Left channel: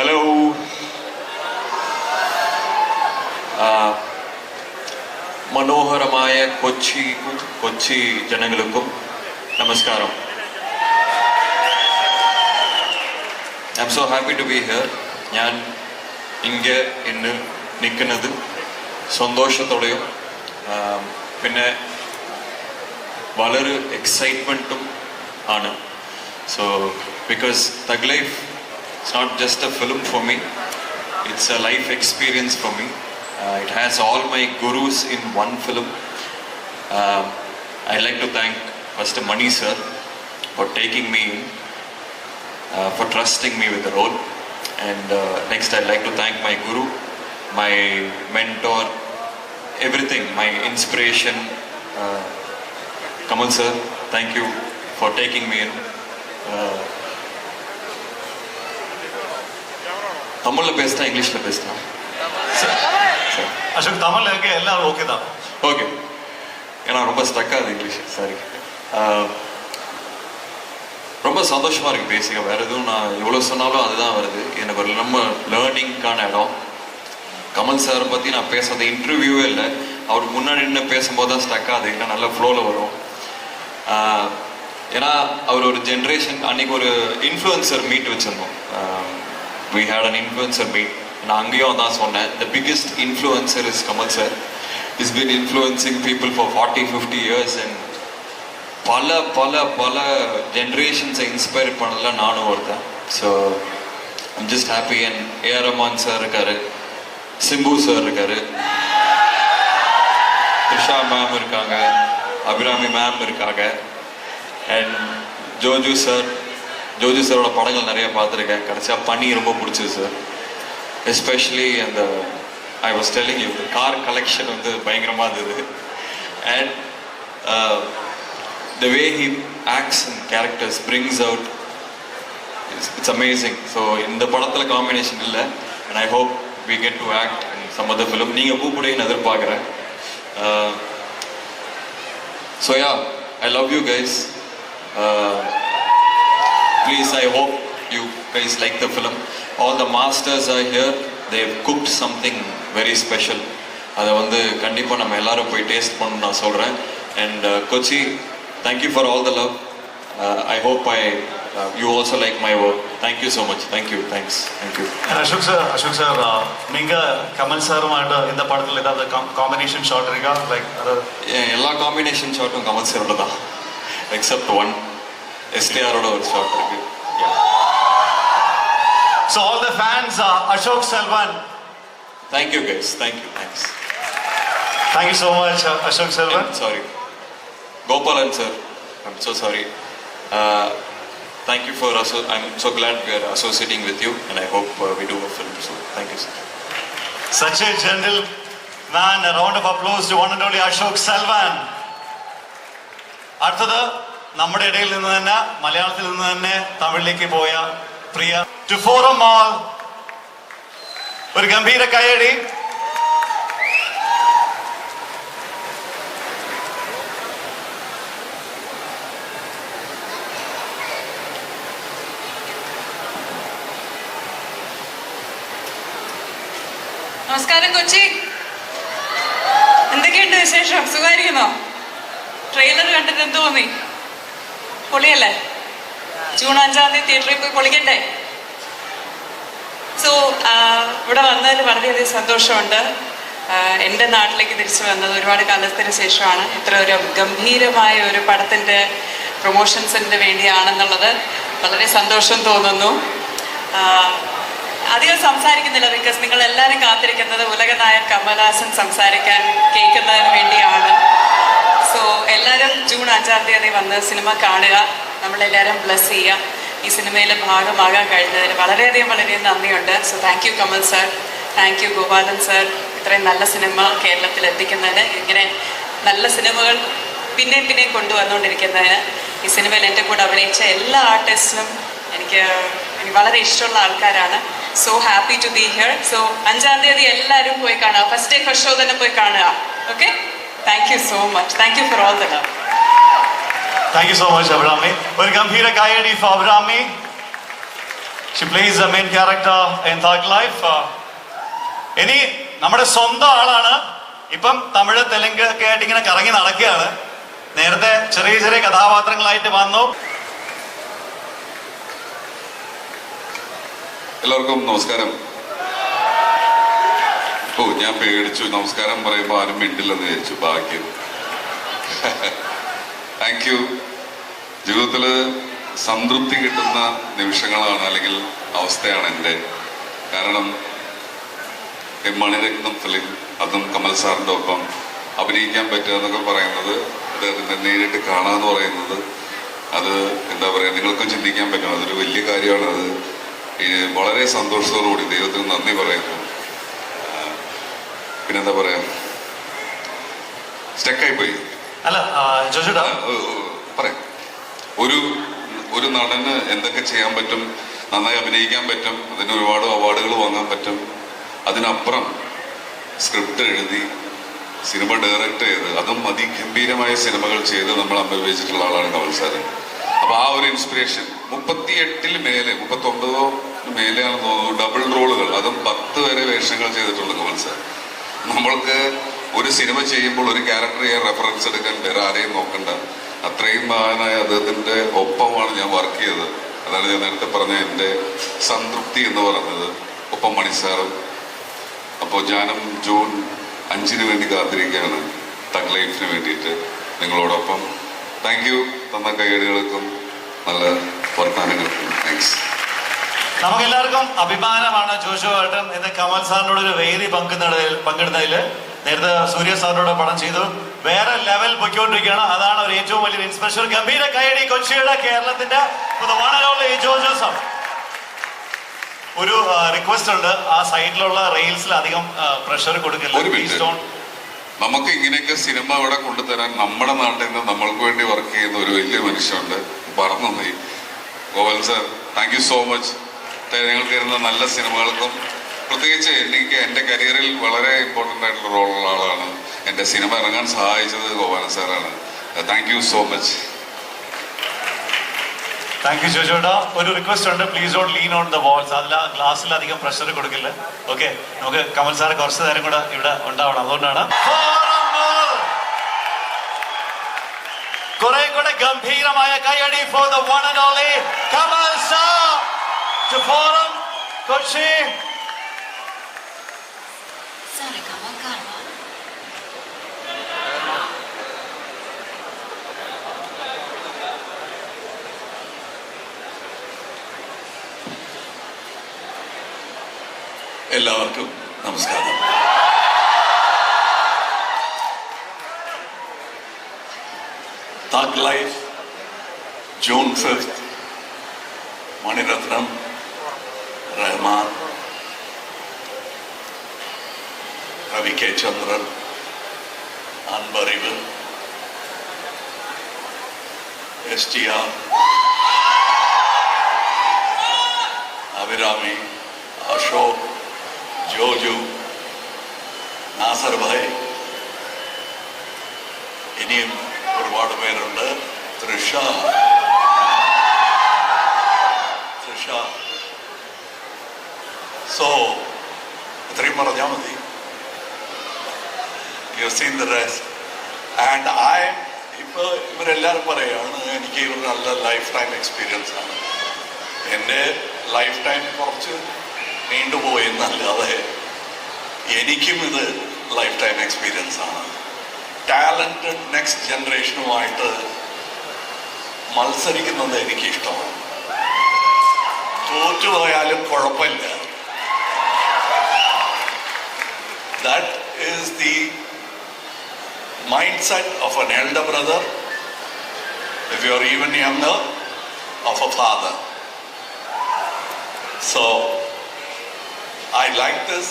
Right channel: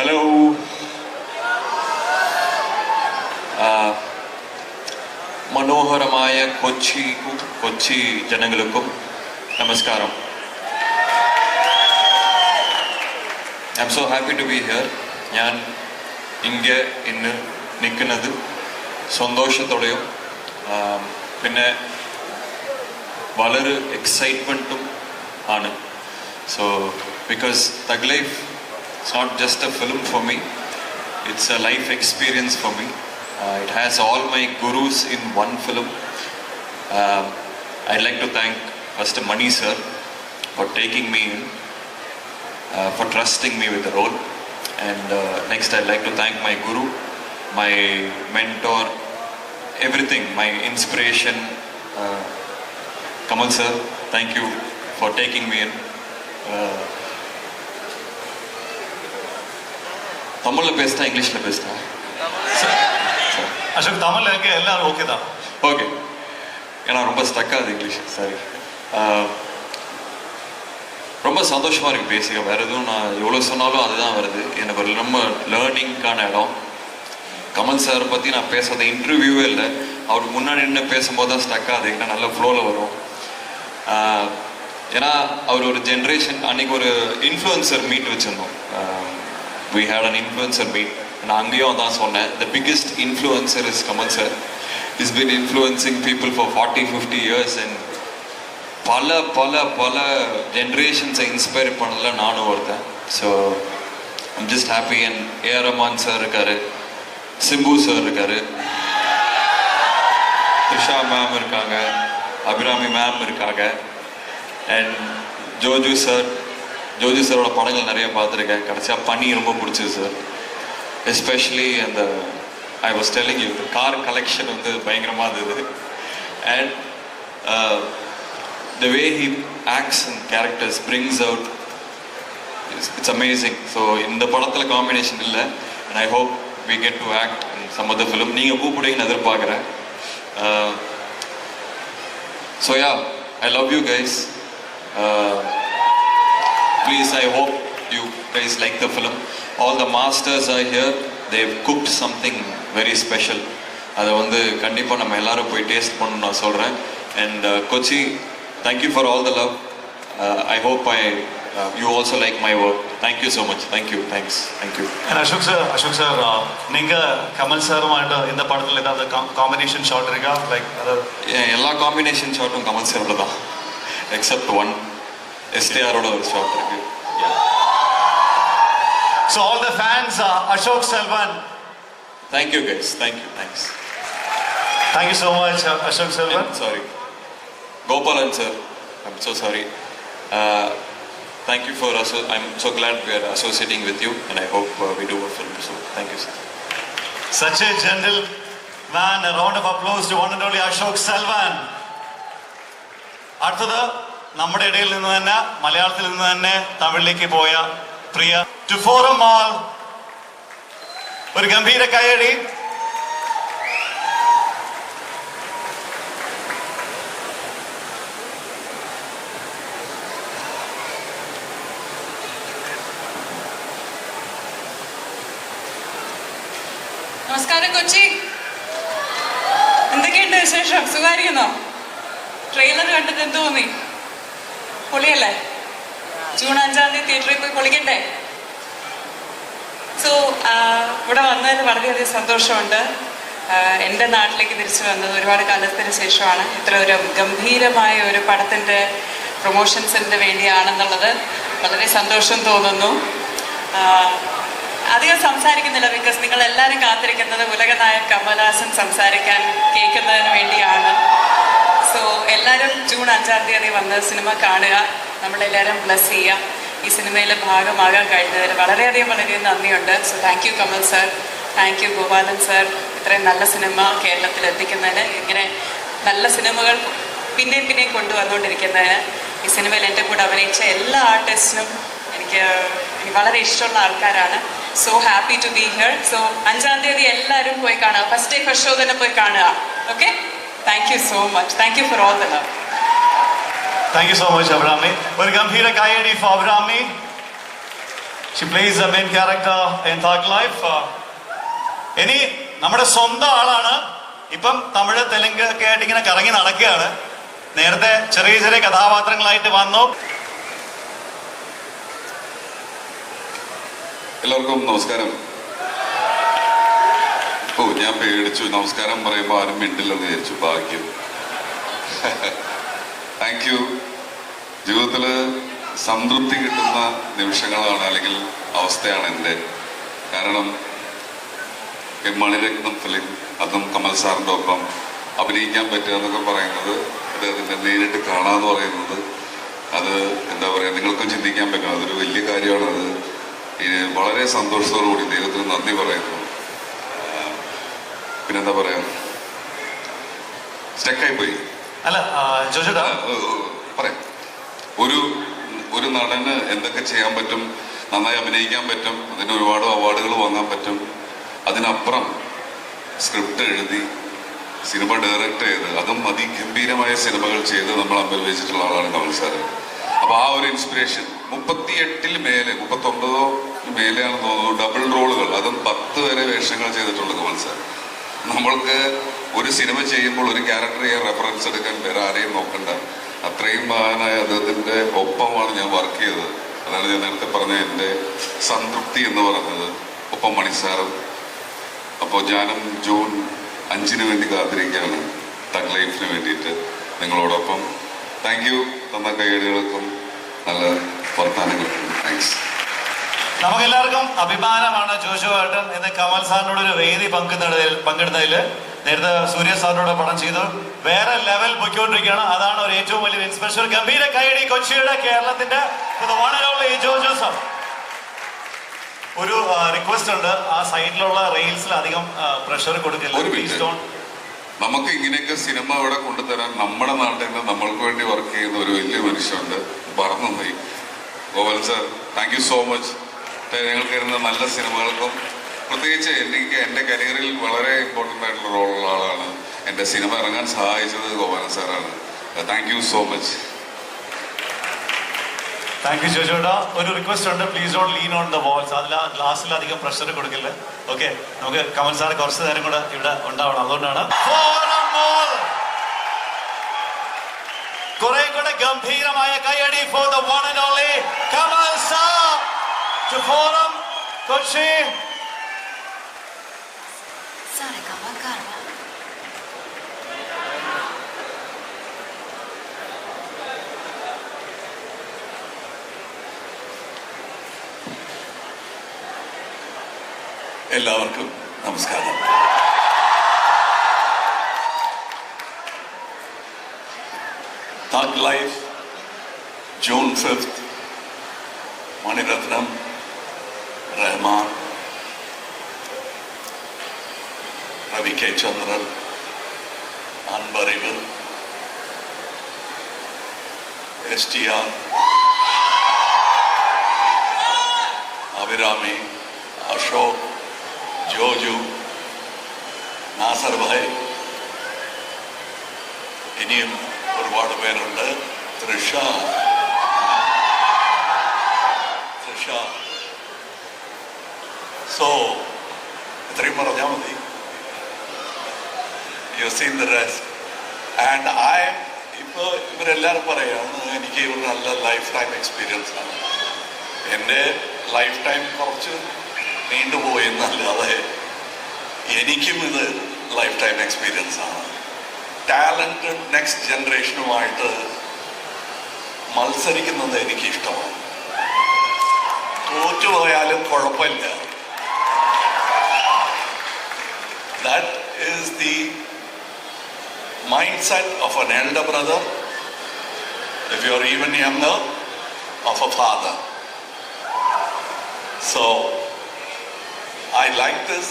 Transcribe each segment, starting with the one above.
Hello, മനോഹരമായ കൊച്ചി ജനങ്ങൾക്കും നമസ്കാരം. I am so happy to be here. ഞാൻ ഇங்கே ഇന്ന് നിൽക്കുന്നത് സന്തോഷത്തോടെയും പിന്നെ വളരെ എക്സൈറ്റ്മെൻറ്റും ആണ്. So because Thug Life it's not just a film for me, it's a life experience for me. It has all my gurus in one film. I'd like to thank first Mani sir for taking me in, for trusting me with the role, and next I'd like to thank my guru, my mentor, everything, my inspiration, Kamal sir. Thank you for taking me in. தமிழில் பேசினா இங்கிலீஷில் பேசினா அசோக் தமிழ் எல்லாரும் okay தான். Okay, ஏன்னா ரொம்ப ஸ்டக்காது English. Sorry. ரொம்ப சந்தோஷமாக இருக்குது பேசிக்க. வேறு எதுவும் நான் எவ்வளோ சொன்னாலும் அதுதான் வருது. எனக்கு ஒரு நம்ம லேர்னிங்கான இடம். கமல் சாரை பற்றி நான் பேசுறது இன்டர்வியூவே இல்லை, அவருக்கு முன்னாடி நின்று பேசும்போது தான் ஸ்டக்காது, ஏன்னா நல்ல ஃப்ளோவில் வரும். ஏன்னா அவர் ஒரு ஜென்ரேஷன், அன்றைக்கி ஒரு இன்ஃப்ளூயன்சர் மீட் வச்சுருந்தோம். We had an influencer meet. நான் அங்கேயும் தான் சொன்னேன், the biggest influencer is Kamal sir. He's been influencing people for 40-50 years and பல ஜென்ரேஷன்ஸை இன்ஸ்பயர் பண்ணதில் நானும் ஒருத்தன். So I'm just happy. And AR Rahman sir இருக்கார், சிம்பு சார் இருக்கார், த்ரிஷா மேம் இருக்காங்க, அபிராமி மேம் இருக்காங்க, அண்ட் ஜோஜு சாரோட படங்கள் நிறைய பார்த்துருக்கேன். கடைசியாக பண்ணி ரொம்ப பிடிச்சது சார். எஸ்பெஷலி அந்த I was telling you car collection வந்து பயங்கரமாக இருந்தது. And the way he acts and characters brings out, it's amazing. So இந்த படத்தில் காம்பினேஷன் இல்லை. And I hope we get to act in some other film. நீங்கள் கூப்பிடுங்கன்னு எதிர்பார்க்குறேன். So yeah, I love you guys. Please, I hope you guys like the film. All the masters are here. They've cooked something very special. அதை வந்து கண்டிப்பாக நம்ம எல்லாரும் போய் taste பண்ணணும்னு நான் சொல்கிறேன். And Kochi, thank you for all the love. I hope you also like my work. Thank you so much. Thank you. Thanks. Thank you. Ashok sir நீங்கள் கமல் சாருமாட்ட இந்த படத்தில் ஏதாவது காம்பினேஷன் ஷாட் இருக்கா? லைக் அதாவது எல்லா காம்பினேஷன் ஷாட்டும் கமல் சாரோட தான், எக்ஸப்ட் ஒன். STRோட ஒரு ஷாட் இருக்கு. So all the fans, Ashok Selvan. Thank you guys. Thank you. Thanks. Thank you so much, Ashok Selvan. Sorry, Gopalan sir. I'm so sorry. Thank you for I'm so glad we are associating with you, and I hope we do a film soon. Thank you sir. Such a gentle man. A round of applause to one and only Ashok Selvan. അടുത്തത് നമ്മുടെ ഇടയിൽ നിന്ന് തന്നെ, മലയാളത്തിൽ നിന്ന് തന്നെ തമിഴിലേക്ക് പോയ പ്രിയ to forum mall, ഒരു ഗംഭീര കയ്യടി. നമസ്കാരം കൊച്ചി, എന്തൊക്കെയുണ്ട് വിശേഷം? സുഖമായിരിക്കുന്നോ? ട്രെയിലർ കണ്ടിട്ട് എന്ത് തോന്നി? പൊളിയല്ലേ? ജൂൺ 5 തിയേറ്ററിൽ പോയി പൊളിക്കണ്ടേ? സോ ഇവിടെ വന്നതിൽ വളരെയധികം സന്തോഷമുണ്ട്. എൻ്റെ നാട്ടിലേക്ക് തിരിച്ചു വന്നത് ഒരുപാട് കാലത്തിന് ശേഷമാണ്. ഇത്ര ഒരു ഗംഭീരമായ ഒരു പടത്തിൻ്റെ പ്രൊമോഷൻസിന് വേണ്ടിയാണെന്നുള്ളത് വളരെ സന്തോഷം തോന്നുന്നു. അധികം സംസാരിക്കുന്നില്ല, ബിക്കോസ് നിങ്ങൾ എല്ലാവരും കാത്തിരിക്കുന്നത് ഉലകനായകൻ കമൽഹാസൻ സംസാരിക്കാൻ കേൾക്കുന്നതിന് വേണ്ടിയാണ്. സോ എല്ലാവരും ജൂൺ 5 വന്ന് സിനിമ കാണുക, നമ്മളെല്ലാവരും ബ്ലസ് ചെയ്യുക. ഈ സിനിമയിൽ ഭാഗമാകാൻ കഴിഞ്ഞതിന് വളരെയധികം നന്ദിയുണ്ട്. So thank you Kamal sir, thank U Gopalan sir, ഇത്രയും നല്ല സിനിമ കേരളത്തിൽ എത്തിക്കുന്നതിന്, ഇങ്ങനെ നല്ല സിനിമകൾ പിന്നെയും കൊണ്ടുവന്നുകൊണ്ടിരിക്കുന്നതിന്. ഈ സിനിമയിൽ എൻ്റെ കൂടെ അഭിനയിച്ച എല്ലാ ആർട്ടിസ്റ്റിനും എനിക്ക് വളരെ ഇഷ്ടമുള്ള ആൾക്കാരാണ്. So happy to be here. So 5 എല്ലാവരും പോയി കാണുക, ഫസ്റ്റ് ഡേ ഫസ്റ്റ് ഷോ തന്നെ പോയി കാണുക. Okay, thank you so much. Thank you for all the love. Thank you so much Abhirami. ഒരു ഗംഭീര കൈയടി for Abhirami. She plays the main character in Thug Life. ഇനി നമ്മുടെ സ്വന്തം ആളാണ്. ഇപ്പം തമിഴ് തെലുങ്ക് ഒക്കെ ആയിട്ട് ഇങ്ങനെ കറങ്ങി നടക്കുകയാണ്. നേരത്തെ ചെറിയ ചെറിയ കഥാപാത്രങ്ങളായിട്ട് വന്നു. എല്ലാവർക്കും നമസ്കാരം. ഞാൻ പേടിച്ചു, നമസ്കാരം പറയുമ്പോൾ ആരും മിണ്ടില്ലെന്ന് വിചാരിച്ചു. ഭാഗ്യം. Thank you. ജീവിതത്തിൽ സംതൃപ്തി കിട്ടുന്ന നിമിഷങ്ങളാണ്, അല്ലെങ്കിൽ അവസ്ഥയാണ് എൻ്റെ. കാരണം മണിരത്നം ഫിലിം, അതും കമൽ സാറിൻ്റെ ഒപ്പം അഭിനയിക്കാൻ പറ്റുക എന്നൊക്കെ പറയുന്നത്, അദ്ദേഹത്തിൻ്റെ നേരിട്ട് കാണാന്ന് പറയുന്നത്, അത് എന്താ പറയുക, നിങ്ങൾക്കും ചിന്തിക്കാൻ പറ്റും. അതൊരു വലിയ കാര്യമാണ്. അത് വളരെ സന്തോഷത്തോടുകൂടി ദൈവത്തിന് നന്ദി പറയുന്നു. പിന്നെന്താ പറയാ, സ്റ്റക്കായി പോയി. അല്ല ജോജുടാ പറയാം. ഒരു നടന് എന്തൊക്കെ ചെയ്യാൻ പറ്റും, നന്നായി അഭിനയിക്കാൻ പറ്റും, അതിന് ഒരുപാട് അവാർഡുകൾ വാങ്ങാൻ പറ്റും. അതിനപ്പുറം സ്ക്രിപ്റ്റ് എഴുതി സിനിമ ഡയറക്റ്റ് ചെയ്ത് അതും അതിഗംഭീരമായ സിനിമകൾ ചെയ്ത് നമ്മൾ അനുഭവിച്ചിട്ടുള്ള ആളാണ് കമൽ സാർ. അപ്പൊ ആ ഒരു ഇൻസ്പിറേഷൻ 38 മേലെ 39 മേലെയാണെന്ന് തോന്നുന്നു ഡബിൾ റോളുകൾ, അതും 10 വരെ വേഷങ്ങൾ ചെയ്തിട്ടുള്ള കമൽ സാർ. നമ്മൾക്ക് ഒരു സിനിമ ചെയ്യുമ്പോൾ ഒരു ക്യാരക്ടർ ചെയ്യാൻ റെഫറൻസ് എടുക്കാൻ വേറെ ആരെയും നോക്കണ്ട. അത്രയും മഹാനായ അദ്ദേഹത്തിന്റെ ഒപ്പമാണ് ഞാൻ വർക്ക് ചെയ്തത്. അതാണ് ഞാൻ നേരത്തെ പറഞ്ഞ എൻ്റെ സംതൃപ്തി എന്ന് പറയുന്നത്. ഒപ്പം മണിസാറും. അപ്പോൾ ഞാനും ജൂൺ 5 വേണ്ടി കാത്തിരിക്കുകയാണ് തഗ് ലൈഫിന് വേണ്ടിയിട്ട് നിങ്ങളോടൊപ്പം. Thank you. തന്ന കൈയടികൾക്കും നല്ല വർത്താനങ്ങൾക്കും താങ്ക്സ്. നമുക്കെല്ലാവർക്കും അഭിമാനമാണ് ജോജു ഏട്ടൻ ഇന്ന് കമൽ സാറിനോട് ഒരു വേദി പങ്കിടുന്നതിൽ. നേരത്തെ സൂര്യ സാറിനോട് പടം ചെയ്തു. വേറെ ലെവൽ പൊയ്ക്കൊണ്ടിരിക്കുകയാണ്. അതാണ് ഒരു ഏറ്റവും വലിയ ഇൻസ്പിറേഷൻ. ഗംഭീര കൈയടി കൊച്ചിയുടെ കേരളത്തിന്റെ ജോജോസം. ഒരു റിക്വസ്റ്റ് ഉണ്ട്, ആ സൈഡിലുള്ള റെയിൽസിൽ അധികം പ്രഷർ കൊടുക്കില്ല. നമുക്ക് ഇങ്ങനെയൊക്കെ സിനിമ ഇവിടെ കൊണ്ടുതരാൻ നമ്മുടെ നാട്ടിൽ നിന്ന് നമ്മൾക്ക് വേണ്ടി വർക്ക് ചെയ്യുന്ന ഒരു വലിയ മനുഷ്യനുണ്ട്. പറഞ്ഞു പോയി ഗോവൽ sir, thank you so much. ഞങ്ങൾക്ക് വരുന്ന നല്ല സിനിമകൾക്കും, പ്രത്യേകിച്ച് എനിക്ക് എൻ്റെ കരിയറിൽ വളരെ ഇമ്പോർട്ടൻ്റ് ആയിട്ടുള്ള റോളുള്ള ആളാണ്. എൻ്റെ സിനിമ ഇറങ്ങാൻ സഹായിച്ചത് ഗോപാലൻ സാറാണ്. Thank you so much. Thank you ജോജോട്ടാ. ഒരു റിക്വസ്റ്റ് ഉണ്ട്, please don't lean on the walls. അതിൽ ഗ്ലാസ്സിൽ അധികം പ്രഷർ കൊടുക്കില്ല. ഓക്കെ, നമുക്ക് കമൽ സാർ കുറച്ച് നേരം കൂടെ ഇവിടെ ഉണ്ടാവണം. അതുകൊണ്ടാണ് കുറെ കൂടെ ഗംഭീരമായ കൈയടി for the one and only Kamal sir to Forum Kochi. എല്ലാവർക്കും നമസ്കാരം. Thug Life June 5 Maniratnam, Rahman, Ravi K Chandran, Anbariv, STR, Abhirami, Ashok, Joju, Nassar bhai, ഇനിയും ഒരുപാട് പേരുണ്ട്. തൃഷ. സോ ഇത്രയും പറഞ്ഞാൽ മതി. You seen the rest. And ഇപ്പോൾ ഇവരെല്ലാവരും പറയുകയാണ് എനിക്ക് ഒരു നല്ല ലൈഫ് ടൈം എക്സ്പീരിയൻസ് ആണ്. എൻ്റെ ലൈഫ് ടൈം കുറച്ച് നീണ്ടുപോയെന്നല്ലാതെ എനിക്കും ഇത് ലൈഫ് ടൈം എക്സ്പീരിയൻസ് ആണ്. ടാലൻറ്റഡ് നെക്സ്റ്റ് ജനറേഷനുമായിട്ട് മത്സരിക്കുന്നത് എനിക്കിഷ്ടമാണ്. തോറ്റുപോയാലും കുഴപ്പമില്ല. That is the mind set of an elder brother, if you are even younger, of a father. So I like this.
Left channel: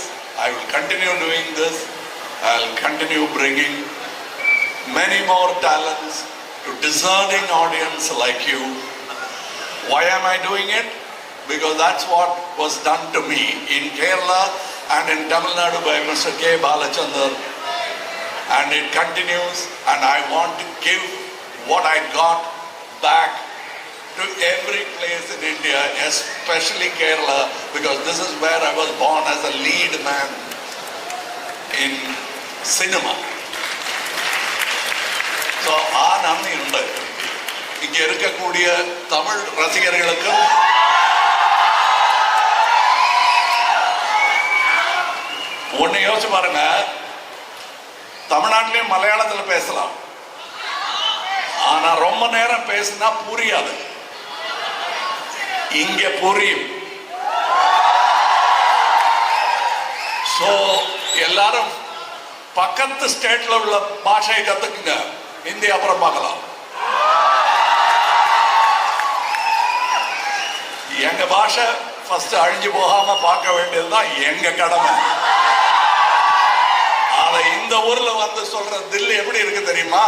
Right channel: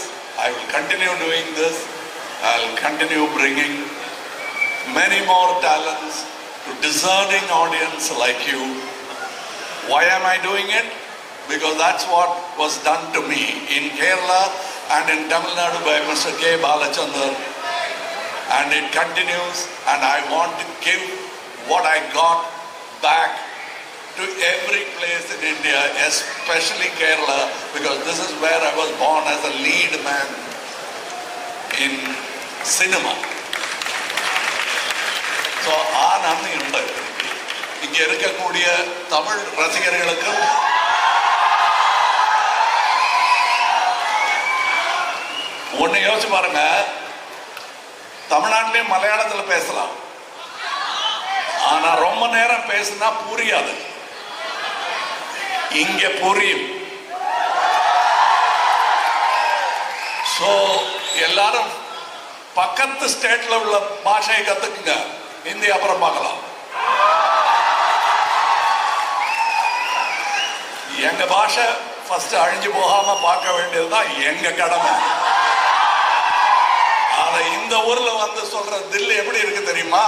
I will continue doing this. I'll continue bringing many more talents to discerning audience like you. Why am I doing it? Because that's what was done to me in Kerala and in Tamil Nadu by Mr. K. Balachandran. And it continues, and I want to give what I got back to every place in India, especially Kerala, because this is where I was born as a lead man in cinema. So, ആ നന്ദിയുണ്ട് ഇങ്ങനെ இருக்கக்கூடிய தமிழ் ரசிகர்களுக்கும் ஒன்னு யோசிச்சு பாருங்க, தமிழ்நாட்டிலையும் மலையாளத்துல பேசலாம், ஆனா ரொம்ப நேரம் பேசினா புரியாது. இங்க புரியும். சோ எல்லாரும் பக்கத்து ஸ்டேட்ல உள்ள பாஷையை கத்துக்குங்க, ஹிந்தி அப்புறம் பார்க்கலாம். எங்க பாஷை ஃபர்ஸ்ட் அழிஞ்சு போகாம பார்க்க வேண்டியதுதான் எங்க கடமை. அதை இந்த ஊர்ல வந்து சொல்ற தில்லு எப்படி இருக்கு தெரியுமா?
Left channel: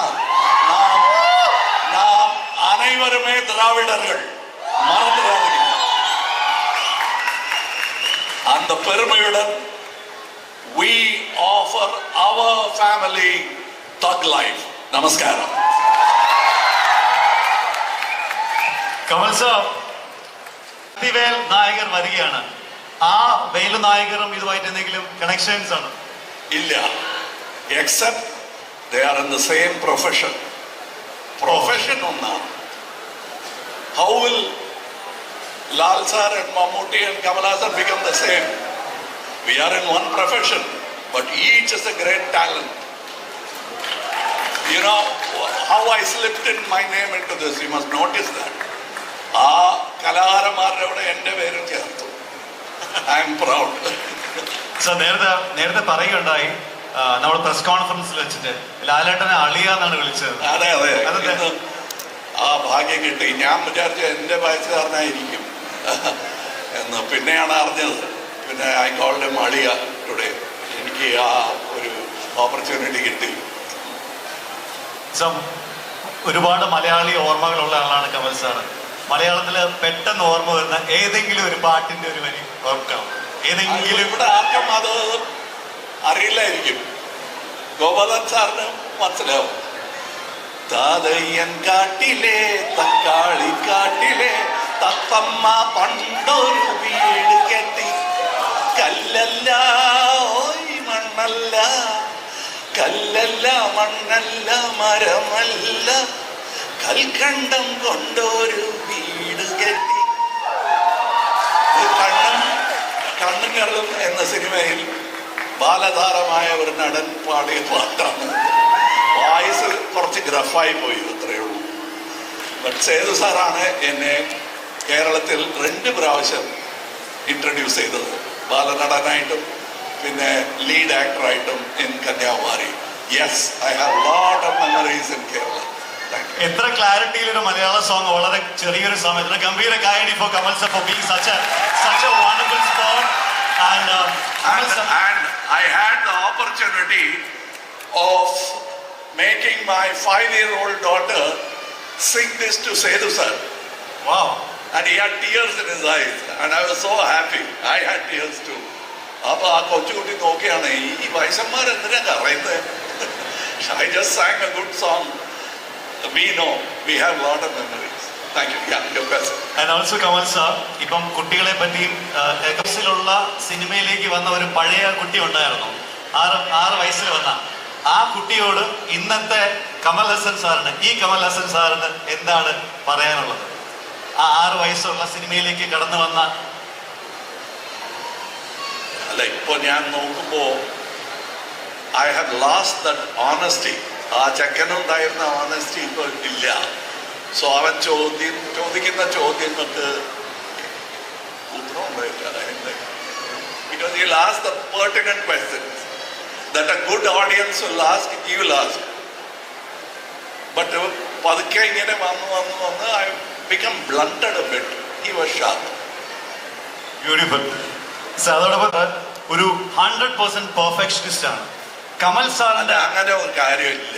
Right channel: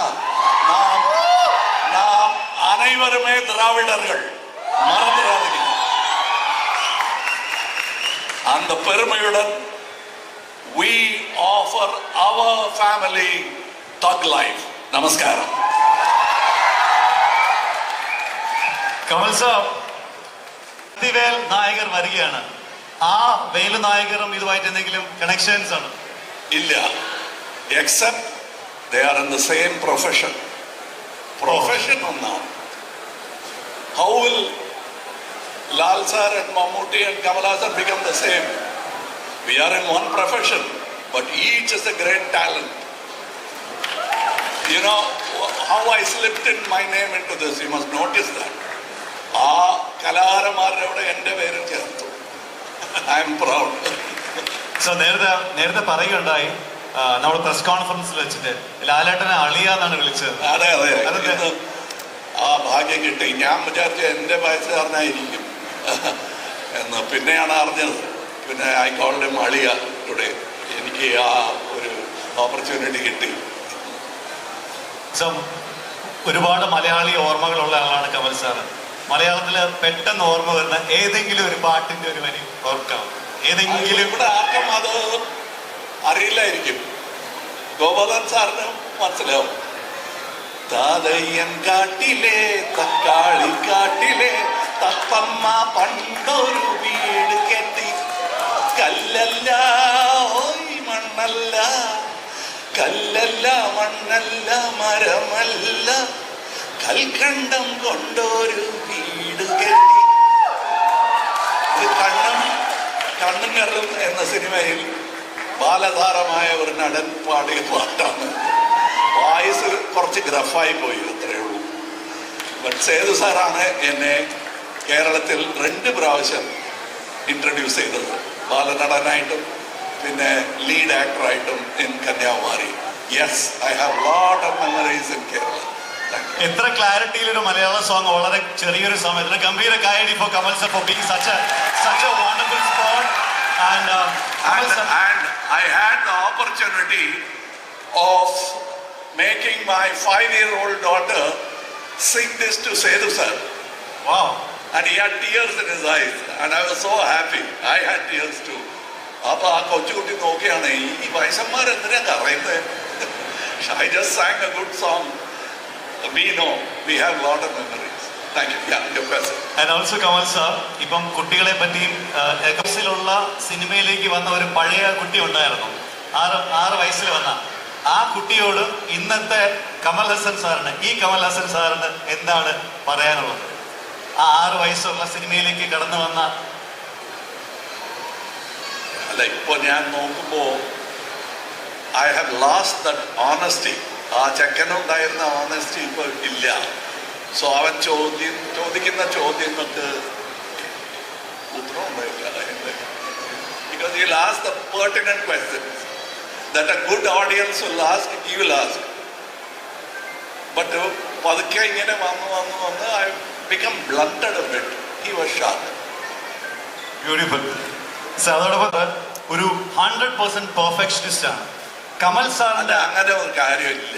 நாம் அனைவருமே திராவிடர்கள், மறந்துடாதீங்க. அந்த பெருமையுடன் we offer our family Thug Life. நமஸ்காரம். കമൽ സാർ, വേൽ നായകർ വരികയാണ്. ആ വേലു നായകരും ഇതുമായിട്ട് എന്തെങ്കിലും കണക്ഷൻസ് ആണ്? ഇല്ല, except they are in the same profession. Profession ഒന്നാണ്. How will Lal sir and Mammootty and Kamal Haasan become the same? We are in one profession, but each is a great talent. You know how I slipped in my name into this, you must notice that. ആ കലാകാരന്മാരുടെ കൂടെ എൻ്റെ പേരും ചേർത്തു. I am proud. So നേരത്തെ പറയുകയുണ്ടായി, നമ്മൾ press കോൺഫറൻസിൽ വെച്ചിട്ട് ലാലേട്ടനെ അളിയ എന്നാണ് വിളിച്ചത്. അതെ അതെ, ആ ഭാഗ്യം കിട്ടി. ഞാൻ വിചാരിച്ച എൻ്റെ വയസ്സുകാരനായിരിക്കും എന്ന് പിന്നെയാണ് അറിഞ്ഞത്. പിന്നെ ഐ കോൾഡ് ഹിം അളിയ ടുഡേ. എനിക്ക് ആ ഒരു ഓപ്പർച്യൂണിറ്റി കിട്ടി. സോ ഒരുപാട് മലയാളി ഓർമ്മകളുള്ള ആളാണ് കമൽ സാറ്. മലയാളത്തില് പെട്ടെന്ന് ഓർമ്മ വരുന്ന ഏതെങ്കിലും ഒരു പാട്ടിന്റെ ഒരു വരി ഓർക്കാം? ഏതെങ്കിലും? ഇവിടെ ആർക്കും അത് അറിയില്ലായിരിക്കും. ഗോപാലൻ സാറിന് മനസ്സിലാവും. താതയ്യൻ കാട്ടിലെ തക്കാളി കാട്ടിലെ തത്തമ്മ പണ്ടൊരു വീട് കെട്ടി, കല്ലല്ല ഓയ് മണ്ണല്ല, കല്ലല്ല മണ്ണല്ല മരമല്ല, കൽക്കണ്ടം കൊണ്ടൊരു വീട് കെട്ടി. കണ്ണും കള്ളും എന്ന സിനിമയിൽ ബാലതാരമായ ഒരു നടൻ പാടിയ പാട്ടാണ്. വായിസ് കുറച്ച് ഗ്രഫായി പോയി, അത്രയേ ഉള്ളൂ. ബട്ട് സേതു സാറാണ് എന്നെ കേരളത്തിൽ 2 പ്രാവശ്യം ഇൻട്രൊഡ്യൂസ് ചെയ്തത്, ബാലനടനായിട്ടും പിന്നെ ലീഡ് ആക്ടറായിട്ടും in Kanyakumari. Yes, I have lot of memories in Kerala. എത്ര ക്ലാരിറ്റിയിൽ ഒരു മലയാള സോങ് വളരെ ചെറിയൊരു സമയത്തിൽ. ഗംഭീര കായടി for Kamal sir for being such a wonderful sport. And I had the opportunity of making my 5-year-old daughter sing this to Sethu sir. wow, And he had tears in his eyes, and I was so happy. I had tears too. അപ്പൊ ആ കൊച്ചുകുട്ടി നോക്കിയാണ്, ഈ വയസ്സന്മാർ എന്തിനാ പറയുന്നത്? I just sang a good song. We know, we have a lot of memories. Thank you. Yeah, your question. And also Kamal sir, ഇപ്പം കുട്ടികളെ പറ്റിയും എക്സിലുള്ള സിനിമയിലേക്ക് വന്ന ഒരു പഴയ കുട്ടി ഉണ്ടായിരുന്നു, 6 വയസ്സിൽ വന്ന ആ കുട്ടിയോട് ഇന്നത്തെ കമൽ ഹസൻ സാറിന്, ഈ കമൽ ഹസൻ സാറിന് എന്താണ് പറയാനുള്ളത്? ആ 6 വയസ്സുള്ള സിനിമയിലേക്ക് കടന്നു വന്ന. അല്ല, ഇപ്പൊ ഞാൻ നോക്കുമ്പോ I have lost that honesty. ആ ചെക്കനുണ്ടായിരുന്ന ഓണസ്റ്റി ഇപ്പൊ ഇല്ല. സോ അവൻ ചോദിക്കുന്ന ചോദ്യങ്ങൾക്ക് ഉത്തരം ഉണ്ടായിട്ടില്ല. Because he'll ask the pertinent questions that a good audience will ask, he will ask. But പതുക്കെ ഇങ്ങനെ വന്ന് I become blunted a bit. He was sharp. Beautiful. അതോടൊപ്പം ഒരു 100% പെർഫെക്ഷനിസ്റ്റ് ആണ് കമൽ സാറിന്റെ. അങ്ങനെ ഒരു കാര്യമില്ല.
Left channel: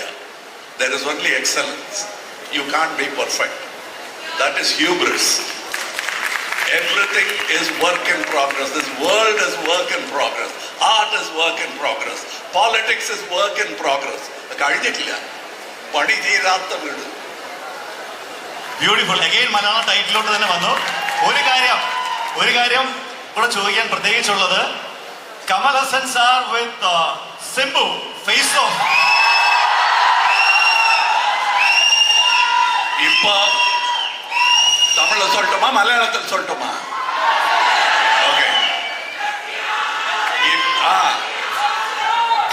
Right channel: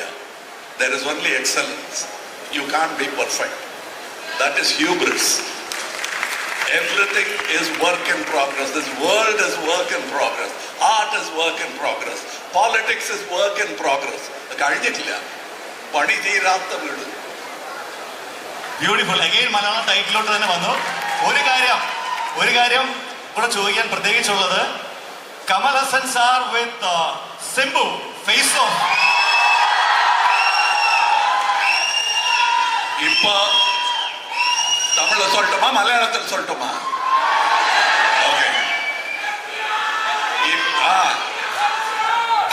There is only excellence. You can't be perfect. That is hubris. Everything is work in progress. This world is work in progress. Art is work in progress. Politics is work in progress. കഴിഞ്ഞിട്ടില്ല, പണി തീരാത്ത വീട്. Beautiful. Again Malayalam ടൈറ്റിലോട്ട് തന്നെ വന്നു. ഒരു കാര്യം കൂടെ ചോദിക്കാൻ പ്രത്യേകിച്ചുള്ളത്, Kamal Haasan sir with Simbu face off. இப்போ தமிழ்ல சொல்லட்டுமா மலையாளத்தில் சொல்லட்டுமா? ஓகே.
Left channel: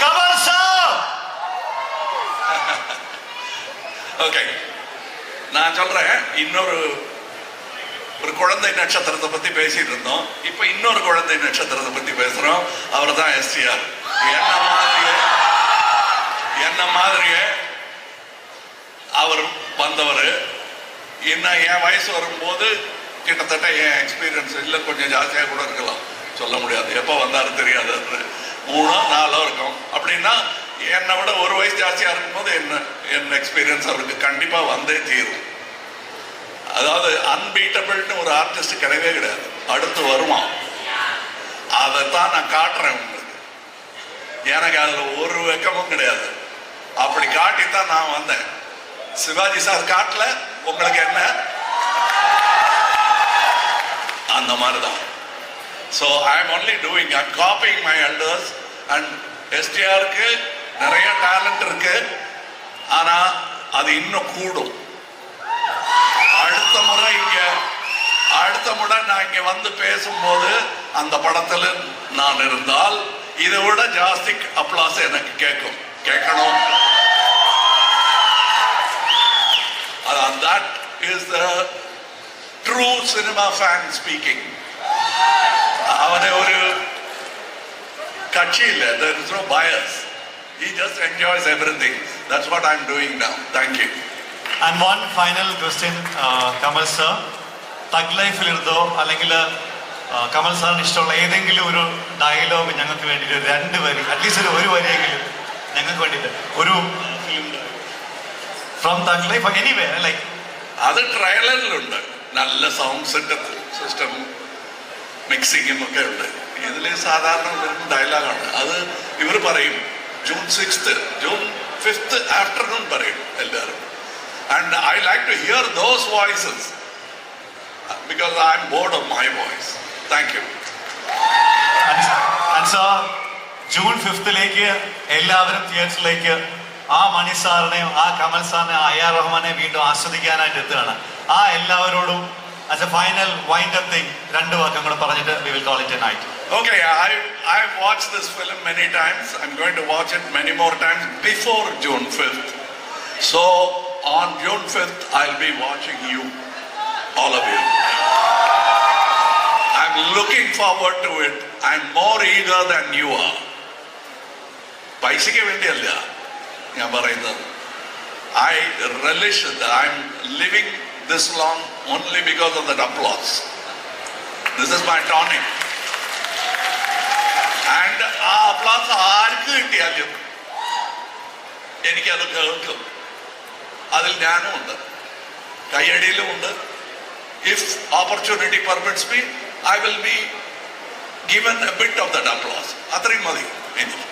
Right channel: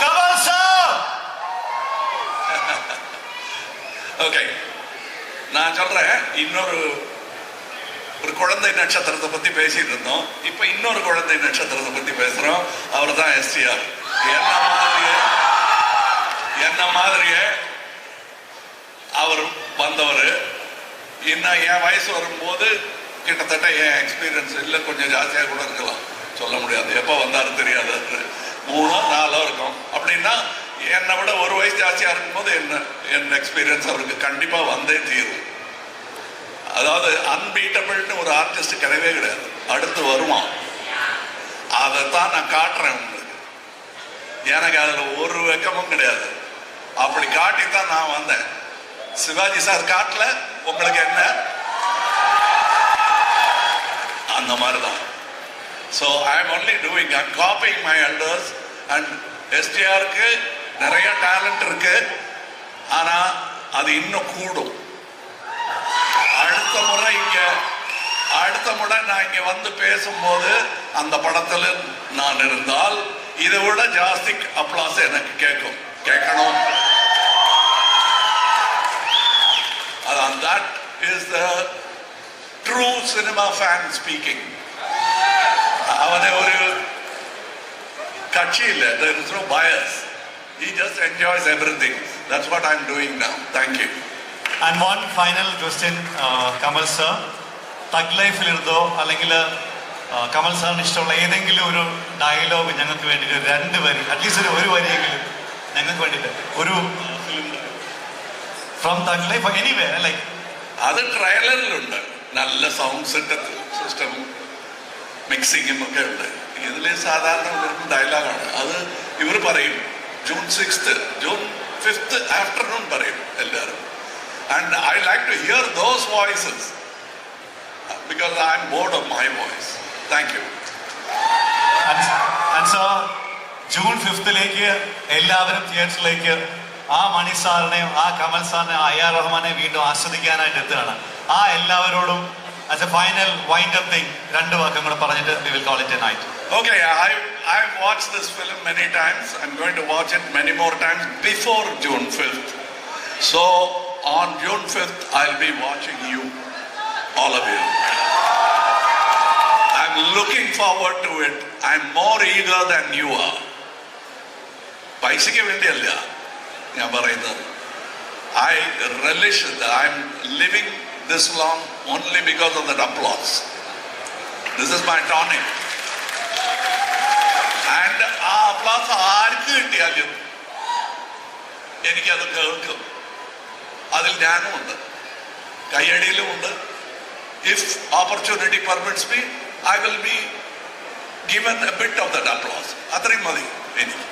കമൽ സാർ. ஓகே, நான் சொல்றேன். இன்னொரு குழந்தை நட்சத்திரத்தை பத்தி பேசிட்டு இருந்தோம். இப்ப இன்னொரு குழந்தை நட்சத்திரத்தை பத்தி பேசுறோம். அவர் தான் எஸ்டிஆர். என்ன மாதிரியே அவர் வந்தவர். இன்னும் என் வயசு வரும்போது கிட்டத்தட்ட என் எக்ஸ்பீரியன்ஸ் இல்லை, கொஞ்சம் ஜாஸ்தியாக கூட இருக்கலாம், சொல்ல முடியாது. எப்போ வந்தாலும் தெரியாது. 3-4 இருக்கும். அப்படின்னா என்னை விட ஒரு வயசு ஜாஸ்தியாக இருக்கும்போது என் எக்ஸ்பீரியன்ஸ் அவருக்கு கண்டிப்பாக வந்தே தீரும். அதாவது அன்பீட்டபிள்னு ஒரு ஆர்டிஸ்ட் கிடையவே கிடையாது. அடுத்து வருவான். அதைத்தான் நான் காட்டுறேன் உங்களுக்கு. எனக்கு அதில் ஒரு வெக்கமும் கிடையாது. அப்படி காட்டித்தான் நான் வந்தேன். சிவாஜி சார் காட்டல, உங்களுக்கு என்ன? அந்த மாதிரி தான். So I am only doing, I am copying my elders. And எஸ்டிஆருக்கு நிறைய டேலண்ட் இருக்கு, ஆனா அது இன்னும் கூடும். அடுத்த முறை நான் இங்க வந்து பேசும்போது அந்த படத்துல நான் இருந்தால் இதை விட ஜாஸ்தி அப்ளாஸ் எனக்கு கேட்கணும். That is the true cinema fan speaking. அவனே ஒரு கட்சி இல்லை. There is no bias. He just enjoys everything. That's what I'm doing now. Thank you. And one final question, Kamal sir. തഗ് ലൈഫിലിരുന്നോ അല്ലെങ്കിൽ കമൽ സാറിന് ഇഷ്ടമുള്ള ഏതെങ്കിലും ഒരു ഡയലോഗ് ഞങ്ങൾക്ക് വേണ്ടിയിട്ട് 2 വരി, അറ്റ്ലീസ്റ്റ് ഒരു വരിയെങ്കിലും ഞങ്ങൾക്ക് വേണ്ടിയിട്ട് ഒരു film from thug life anyway like. അത് ട്രailerലുണ്ട്. നല്ല സൗണ്ട് സെറ്റപ്പ് സിസ്റ്റമും മിക്സിങ്ങും ഒക്കെ ഉണ്ട്. ഇതിൽ സാധാരണ വരുന്ന ഡയലോഗാണ്. അത് ഇവർ പറയും June 6th, June 5th afternoon പറയും എല്ലാവരും. And I like to hear those voices because I am bored of my voice. Thank you. And sir, June 5th എല്ലാവരും തിയേറ്ററിലേക്ക് ആ മണി സാറിനെയും ആ കമൽ സാറിനെ AR റഹ്മാനെ വീണ്ടും ആസ്വദിക്കാനായിട്ട് എത്തുകയാണ്. ആ എല്ലാവരോടും as a final wind up thing 2 വാക്കും കൂടെ പറഞ്ഞിട്ട് we will call it a night. Okay, I've watched this film many times. I'm going to watch it many more times before June 5th. So on June 5th, I'll be watching you, all of you. I'm looking forward to it. I'm more eager than you are. പൈസയ്ക്ക് വേണ്ടിയല്ല ഞാൻ പറയുന്നത്. I relish it. I'm living this long only because of that applause. This is my tonic. And ആ applause ആർക്ക് കിട്ടിയാലും എനിക്കത് കേൾക്കും. അതിൽ ഞാനും ഉണ്ട്, കയ്യടിയിലുമുണ്ട്. If opportunity permits me, I will be given a bit of that applause. അത്രയും മതി എനിക്ക്.